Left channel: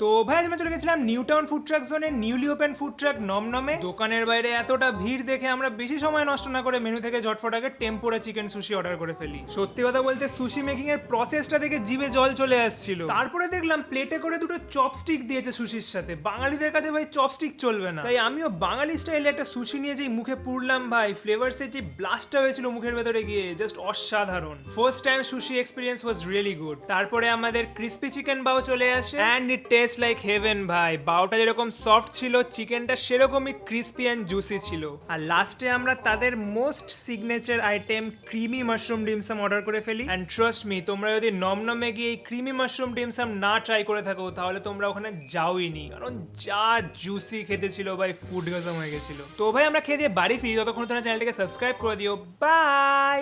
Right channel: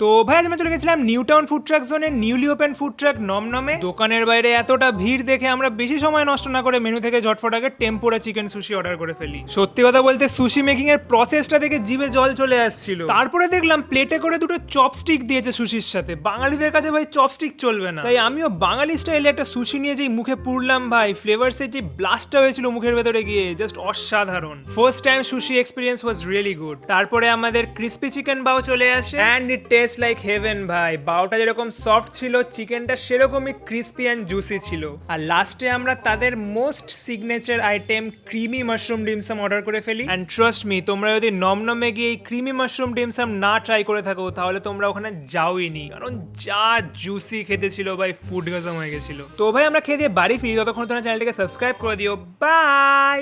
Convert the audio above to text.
তো ভাই আজ আমরা চলে গেছিলাম নিউটাউন ফুড ট্রাক জোনে নিউলি ওপেন ফুড ট্রাক নমনমে। দোকানের বাইরে এতটা ভিড় দেখে আমরা বেশি সময় নষ্ট না করে মেনু থেকে ঝটফট আগে টেম্পোরা চিকেন সুশি অর্ডার করে ফেলি। সত্যি কথা বলতে সুশি মেকিং এর প্রসেসটা দেখে জিভে জল চলে আসছিল। তারপরে দেখলাম প্লেটে করে দুটো চপস্টিক দিয়েছে সুশির সাথে। বাঙালিদের কাছে ভাই চপস্টিক চলবে না, তাই আমিও বাঙালি স্টাইলে একটা সুশি নিয়ে যেই মুখে পুরলাম ভাই, ফ্লেভারসের যে ব্লাস্টটা হয়েছিল মুখের ভেতরে গিয়ে জাস্ট অসাধারণ। First time sushi experience was really good. তারপরে আমাদের ক্রিস্পি চিকেন বাও চলে আসে and it test like haven ভাই। বাওটা যেরকম সফট ছিল, চিকেনটা সেরকমই ক্রিস্পি অ্যান্ড জুসি ছিল। আর লাস্টে আমরা তাদের most signature item creamy mushroom dim sum order করে ফেলি। অ্যান্ড ট্রাস্ট মি, তোমরা যদি নমনমে গিয়ে এই ক্রিমি মাশরুম ডিমসাম না ট্রাই করে থাকো তাহলে তোমরা ওখানে যাওইনি, কারণ যা জুসি খেতে ছিল ভাই, ফুড গাজম হয়ে গেছিল। তো ভাই আমরা খেয়ে দিয়ে বাড়ি ফিরি, ততক্ষণ তোমরা চ্যানেলটাকে সাবস্ক্রাইব করে দিও। বাই।